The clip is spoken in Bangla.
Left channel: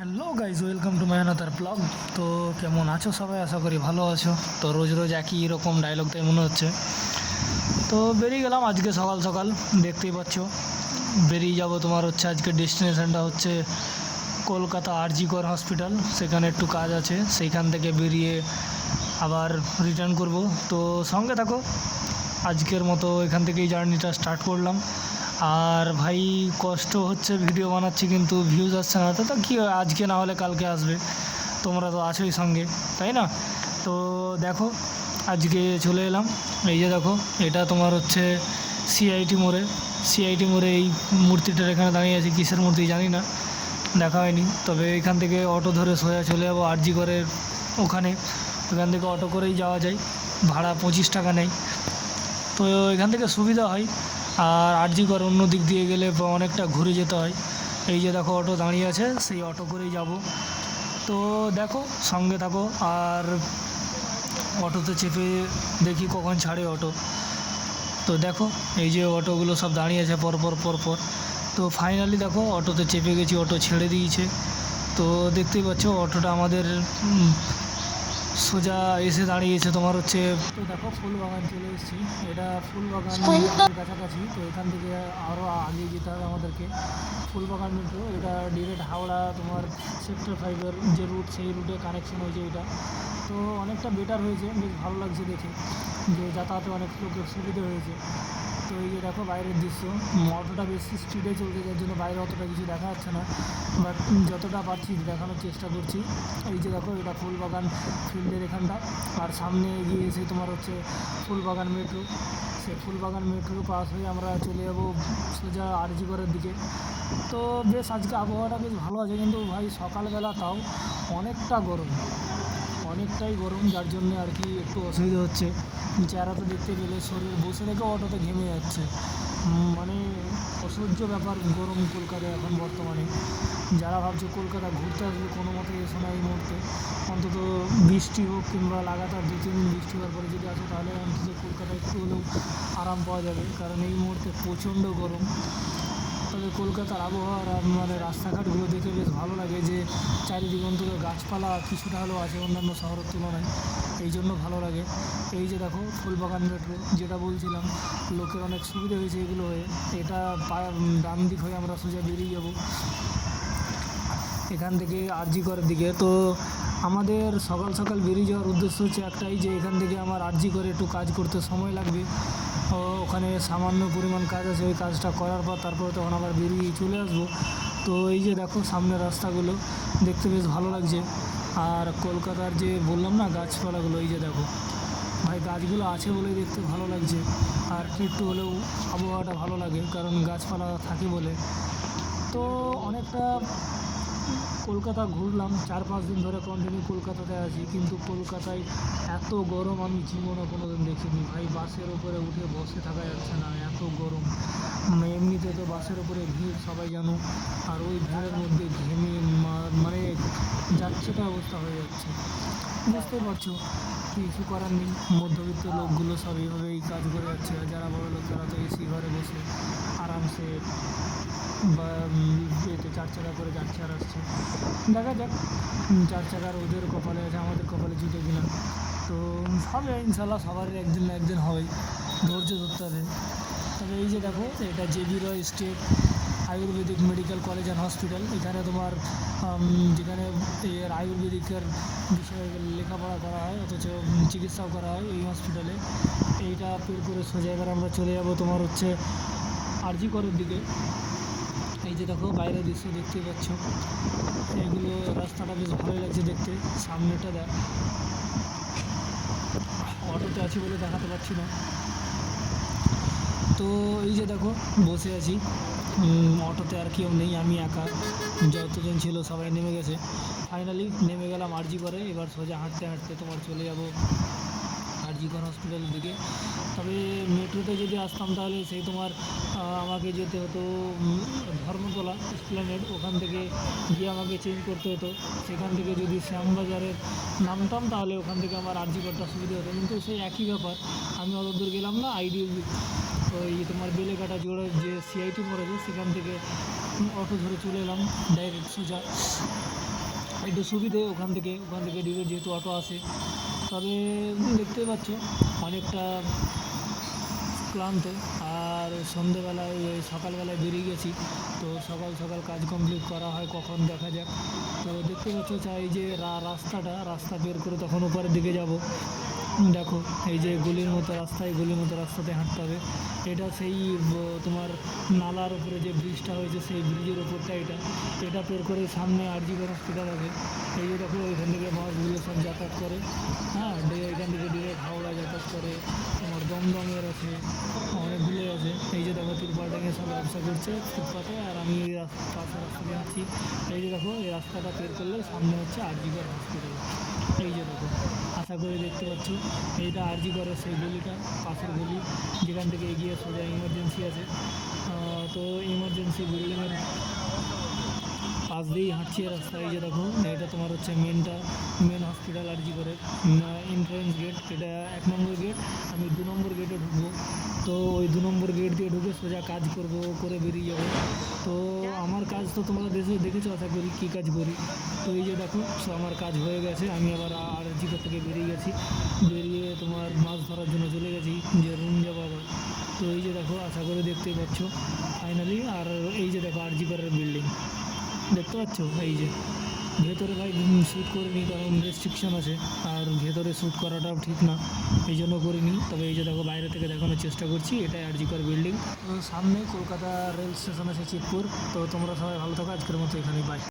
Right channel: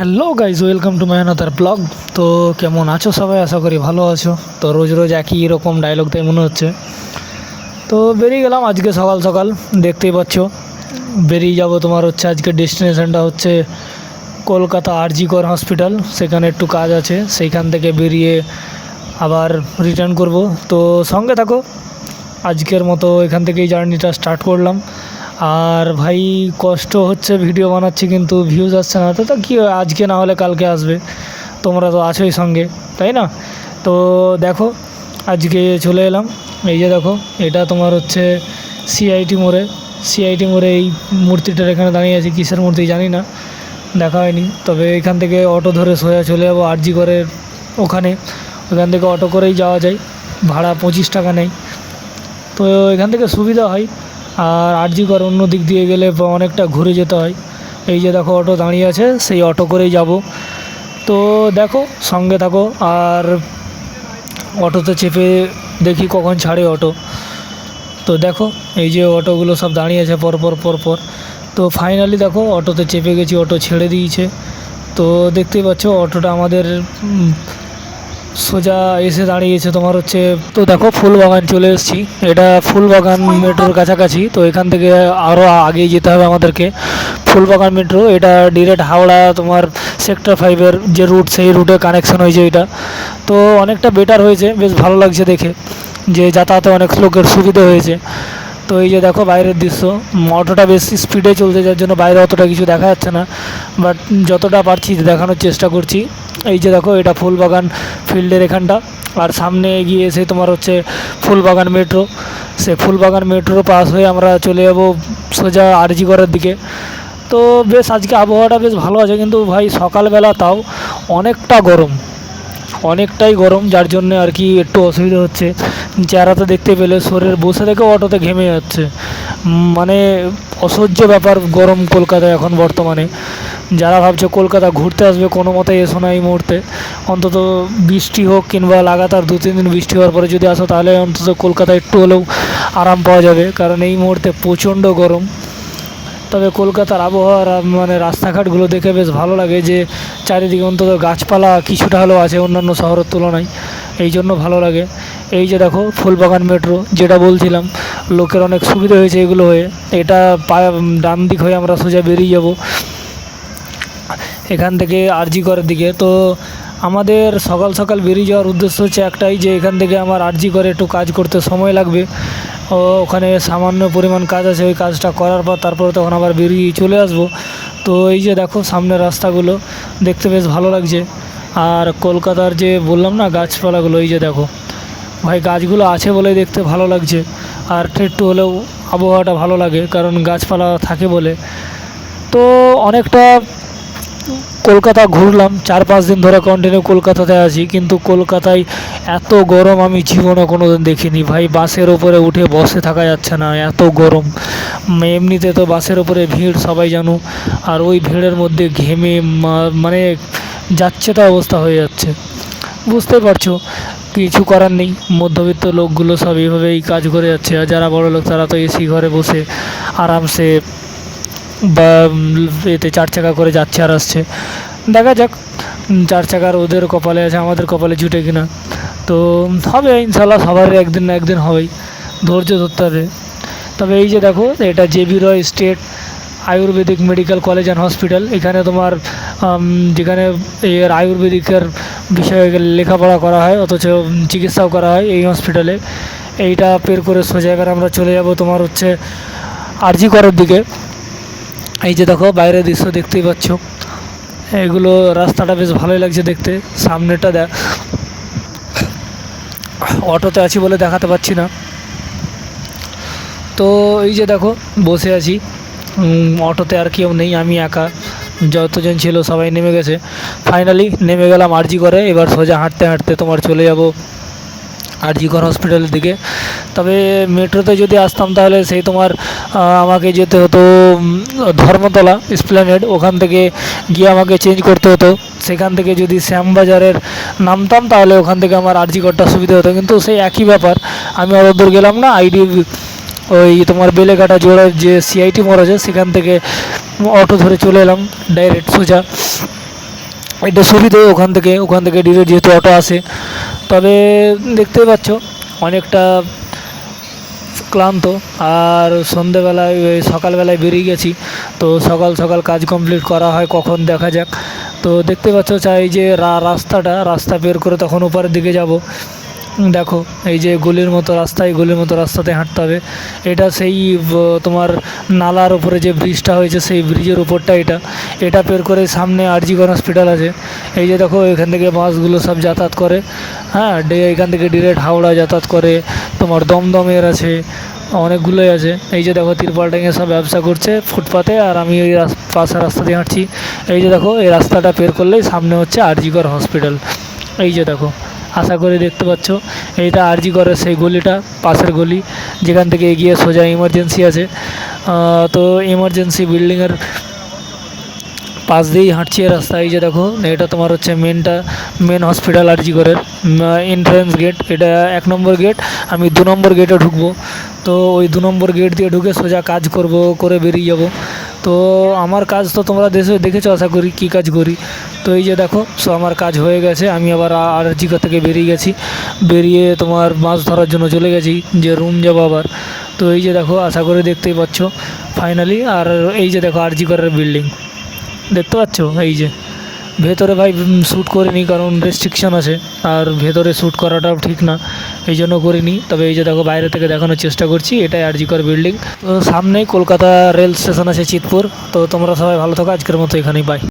Hello guys, welcome to my another blog. তো কেমন আছো সবাই? আশা করি ভালো আছো। তো রোজ রোজ একই রকম ডায়লগ তাই মনে হচ্ছে। তো বেরিয়ে গেলাম আজকে সকাল সকাল, দেখতেই পাচ্ছ। বেরিয়ে যাব, তোমার হচ্ছে আজকে ডেস্টিনেশনটা হচ্ছে কলকাতা আরজি কর হসপিটাল। সেখানে একটু কাজ আছে, সেইখান থেকে বেরিয়ে আবার রিটার্ন করব। তো সঙ্গে থাকো, আজকের মতো এখান থেকেই জার্নিটা স্টার্ট করলাম। আর ভাই কষ্ট হচ্ছে, ভিডিও বানাচ্ছি কিন্তু ভিউজ আসছে না। তো কী হয়, আজকে না হলে কালকে আসবে। তোমরা তো আছোই সঙ্গে, তাই না? তো দেখো, আজকে চলে এলাম। এই যে দেখো, এটা তোমার হচ্ছে সিআইটি মোড়ে এই মূর্তিটার এখানে দাঁড়িয়ে আছি। কিসের মূর্তি জানি না, দেখা হয়নি। তবে এখান থেকে অটো ধরে সোজা চলে যাবো আরজি করের ওখানে। ওখান থেকে অটো করেই যাওয়া যায়, ভাড়া 25 টাকা নেয়। তো এখান থেকে সুবিধা হয়। আর আরজি কর অন্য দিক দিয়ে গেলে অনেকটা ঘুরে যেতে হয়। এই যে দেখো, অটো দাঁড়িয়ে আছে, সেই অটো করেই যাব। তো দেখো, সঙ্গে থাকো। আর অটোতে চেপে দেখি কখন ছাড়ে অটো। তো দেখো, এই যে অটোগুলো সব দাঁড়িয়ে আছে পরপর। তো ফাইনালি দেখো, অটোতে চেপে গেছি, অটো ছেড়ে দিয়েছে। তো দেখতেই পাচ্ছ, অটোটা আমাদের সোজা এসে দাঁড়িয়েছে তোমার হচ্ছে। তো দেখো, ফুলবাগান চলে এসেছি। এটা ফুলবাগান মেট্রোর কাছাকাছি। তো এখান থেকে আরও আগে যেতে হবে আমাদেরকে। ফুলবাগান মেট্রো এটা ডিরেক্ট হাওড়া তোমার সেক্টর 5-এর যে রুট, সেই রুটে কানেকশন হয়েছে এটা। তো অনেকটা বেটার হয়েছে, বেশ ভালো লাগছে দেখে, যে যাতায়াতে অনেক লোকের সুবিধা হয়েছে। তো এই যে দেখো বাইরের দৃশ্য, অটোটা বেশ স্পিডে চলছে, যার জন্য বাইরে অতটা কিছু দেখা যাচ্ছে না, বাট যতটা পারছি দেখানোর চেষ্টা করছি। এই যে দেখো, এটা ফুলবাগান ফিল্ডের এখানটা। আর সামনে এগিয়ে এসে তোমার হচ্ছে ফুলবাগান মেট্রো। সে ফুলবাগান মেট্রো পাস হয়ে আমরা চলে যাব সোজা আরজি করার দিকে। তো বেশ আজকে আবহাওয়াটা বেশ ভালো আছে, কিন্তু ভাই সকালবেলা তাও অনেকটাই গরম, যার জন্য আর কি একটু অসুবিধা হচ্ছে। চেহারাতে দেখতে পেলে শরীর বসে থেকে অটোতে ঘেমে যাচ্ছে। মানে অসহ্য ব্যাপার গরম কলকাতায় এখন বর্তমানে। যারা ভাবছে কলকাতা ঘুরতে আসবে, কোনো মতে এসো না এই মুহূর্তে। অন্তত বৃষ্টি হোক কিংবা লাগাতার 2-3 দিন বৃষ্টি হওয়ার পরে যদি আসো, তাহলে অন্তত কলকাতায় একটু হলেও আরাম পাওয়া যাবে, কারণ এই মুহূর্তে প্রচণ্ড গরম। তবে কলকাতার আবহাওয়ার মানে রাস্তাঘাটগুলো দেখে বেশ ভালো লাগে, যে চারিদিকে অন্তত গাছপালা কিছুটা হলেও আছে অন্যান্য শহরের তুলনায়, এই জন্য ভালো লাগে। এই যে দেখো, ফুলবাগান মেট্রো যেটা বলছিলাম, লোকের অনেক সুবিধা হয়েছে এগুলো হয়ে। এটা ডান দিক হয়ে আমরা সোজা বেরিয়ে যাব এখান থেকে আরজি করার দিকে। তো আমাদের সকাল সকাল বেরিয়ে যাওয়ার উদ্দেশ্য হচ্ছে একটাই, যে এখান থেকে আমার আরজি করে একটু কাজ করতে সময় লাগবে। ওখানে সামান্য পরিমাণ কাজ আছে, ওই কাজটা করার পর তারপরে তখন আবার বেরিয়ে চলে আসবো। তো এই যে দেখো, সামনের রাস্তাগুলো দেখতে বেশ ভালো লাগছে। আর কলকাতার যে বললাম না গাছপালাগুলো, এই যে দেখো ভাই, গাছগুলো আছে বলেই দেখতে ভালো লাগছে। আর একটু হলেও আবহাওয়াটা ভালো লাগে, কারণ গাছপালা থাকে বলে। তো অনেকটা কলকাতা ঘুরলাম, 4-5 দিন ধরে কন্টিনিউ কলকাতাতে আছি, কিন্তু কলকাতায় এত গরম আমি জীবনে কোনো দিন দেখিনি ভাই। বাসের ওপরে উঠে বসে থাকা যাচ্ছে না, এত গরম। এমনিতে তো বাসের ওপরে ভিড় সবাই জানো, আর ওই ভিড়ের মধ্যে ঘেমে মানে যাচ্ছে তা অবস্থা হয়ে যাচ্ছে। বুঝতে পারছো, কিছু করার নেই। মধ্যবিত্ত লোকগুলো সব এইভাবেই কাজ করে যাচ্ছে, আর যারা বড় লোক তারা তো এসি ঘরে বসে আরামসে বা এতে 4 চাকা করে যাচ্ছে আর আসছে। দেখা যাক 4 চাকার ওদের কপালে আছে, আমাদের কপালে জুটে কিনা। তো হবে ইনশাল্লাহ, সবার একদিন না একদিন হবেই, ধৈর্য ধরতে হবে। তবে এই যে দেখো, এটা JB Roy state Ayurvedic medical college and hospital. এখানে তোমার যেখানে এর আয়ুর্বেদিকের বিষয়ে লেখাপড়া করা হয়, অথচ চিকিৎসাও করা হয় এই হসপিটালে। এইটা পের করে সোজা এবার আমরা চলে যাব তোমার হচ্ছে আরজি করার দিকে। এই যে দেখো, বাইরের দৃশ্য দেখতেই পাচ্ছ, এগুলো রাস্তাটা বেশ ভালোই লাগছে দেখতে। সামনেটা অটোতে আছি বলে দেখাতে পাচ্ছি না। তো এই যে দেখো, বসে আছি অটোতে, আর কেউ নেই, আমি একা। যতজন ছিল সবাই নেমে গেছে। ফাইনালি নেমে গেলাম আরজি করে। এবার সোজা হাঁটতে হাঁটতে তোমার চলে যাব আরজি কর হসপিটালের দিকে। তবে মেট্রোতে যদি আসতাম তাহলে সেই তোমার আমাকে যেতে হতো ধর্মতলা এসপ্ল্যানেড, ওখান থেকে গিয়ে আমাকে চেঞ্জ করতে হতো। সেখান থেকে যদি শ্যামবাজারের নামতাম, তাহলে ওখান থেকে আমার আরজি করটা সুবিধা হতো, কিন্তু সেই একই ব্যাপার। আমি অত দূর গেলাম না, ওই তোমার বেলেঘাটা জোড়ার যে সিআইটি মোড় আছে, সেখান থেকে অটো ধরে চলে এলাম ডাইরেক্ট সোজা এটা সুবিধে, ওখান থেকে ডিরেক্ট যেহেতু অটো আসে। তবে দেখতেই পাচ্ছ অনেকটা ক্লান্ত, আর সন্ধেবেলায় সকালবেলায় বেরিয়ে গেছি, তো সকাল সকাল কাজ কমপ্লিট করা হয় কখন দেখা যাক। তো দেখতে পাচ্ছ চাই যে রাস্তা বের করে তখন উপরের দিকে যাব। দেখো এই যে গলির মতো রাস্তা, এই গলির মতো রাস্তাতে হাঁটতে হবে। এটা সেই তোমার নালার উপরে যে ব্রিজটা হয়েছে সেই ব্রিজের উপরটা এটা পের করে সামনে আরজিগণ হসপিটাল আছে। এই যে দেখো এখান থেকে বাসগুলো সব যাতায়াত করে, হ্যাঁ এখান থেকে ডিরেক্ট হাওড়া যাতায়াত করে, তোমার দমদমের আছে, অনেকগুলোই আছে। এই যে দেখো তিরপাল টাঙিয়ে সব ব্যবসা করছে ফুটপাতে, আর আমি ওই পাশের রাস্তা দিয়ে হাঁটছি। এই যে দেখো এই রাস্তাটা পের করলেই সামনে হচ্ছে আরজিকর হসপিটাল। এই যে দেখো, আশা করি দেখতে পাচ্ছ এইটা আরজি করে সেই গলিটা, পাশের গলি, যেখান থেকে এগিয়ে সোজা ইমার্জেন্সি আছে। তো ইমার্জেন্সি বিল্ডিংয়ের পাশ দিয়েই হাঁটছি এই রাস্তা। এই যে দেখো এটা তোমার হচ্ছে মেন হসপিটাল আরজি করের এন্ট্রান্স গেট, এটা 1 নম্বর গেট। আমি 2 নম্বর গেটে ঢুকবো, তো ওই 2 নম্বর গেট দিয়ে ঢুকে সোজা কাজ করে বেরিয়ে যাব। তো আমার কাজ তো তোমরা দেখেছো আশা করি কী কাজ করি। তো এই যে দেখো আমার কাজ হয়ে গেছে, আমি আবার আরজিকর থেকে বেরিয়ে গেছি, বেরিয়ে তোমার মাছ ধরার জন্য চলে গেছি, যে রুম যাবো আবার। তো এই যে দেখো আশা করি দেখতেই পাচ্ছ ফাইনালি। আর এই যে দেখো আরজিকরের বিল্ডিং দেখতে পাচ্ছ। এই যে ভেতরে ভাই শ্যুট করিনি, কারণ রেস্ট্রিকশন আছে, আর ভেতরে শ্যুট করাটাও ঠিক না, এই জন্য করিনি। তবে এই যে দেখো বাইরে থেকে দেখানোর চেষ্টা করছি, এটাই আরজিকর বিল্ডিং। তো সামনেই কলকাতা রেল স্টেশন আছে চিতপুর। তো তোমরা সবাই ভালো থাকো, আজকের মতো এখানেই, বাই।